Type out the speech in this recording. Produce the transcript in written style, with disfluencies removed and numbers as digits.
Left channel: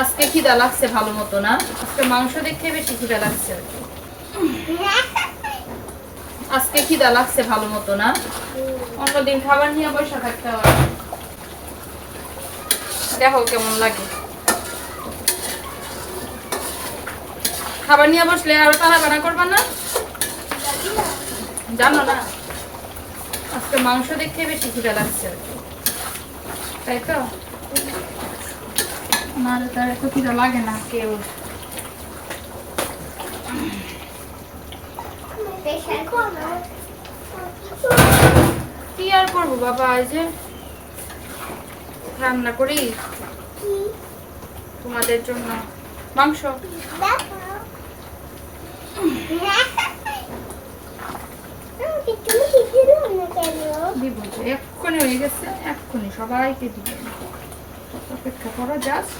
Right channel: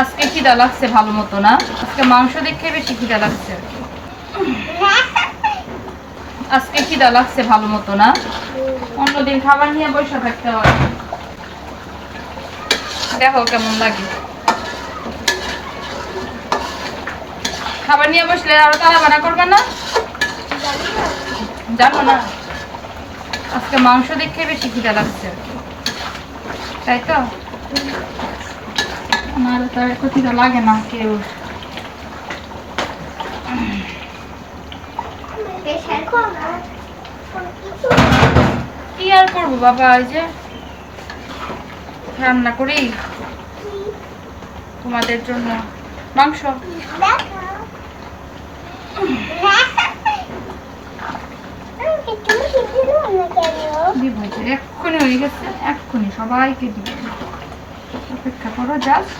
আজকে খিদা লাগছে ভালো মতো না, আজকে মাংস দেখে বেশি খিদা লাগছে আর কি। আজকে খিদা লাগছে ভালো মতো না, অন্যদিন খাবার নিয়ে বসে থাকতে হয়। দেখো কেমন লাগে, খাবার নিয়ে বসলে আর তারা বানা করবে না, জানো না? আজকে মাংস দেখে বেশি খিদা লাগছে আর কি, তাই তো? না তো এত খিদা লাগে না কেউ। কি আর করবো বাবা, এই যে রান্না করি তোমাদের জন্য মাংস। এক্ষুনি হয়ে গেছে, এক্ষুনি সবাইকে দিব, অপেক্ষা করো জাস্ট।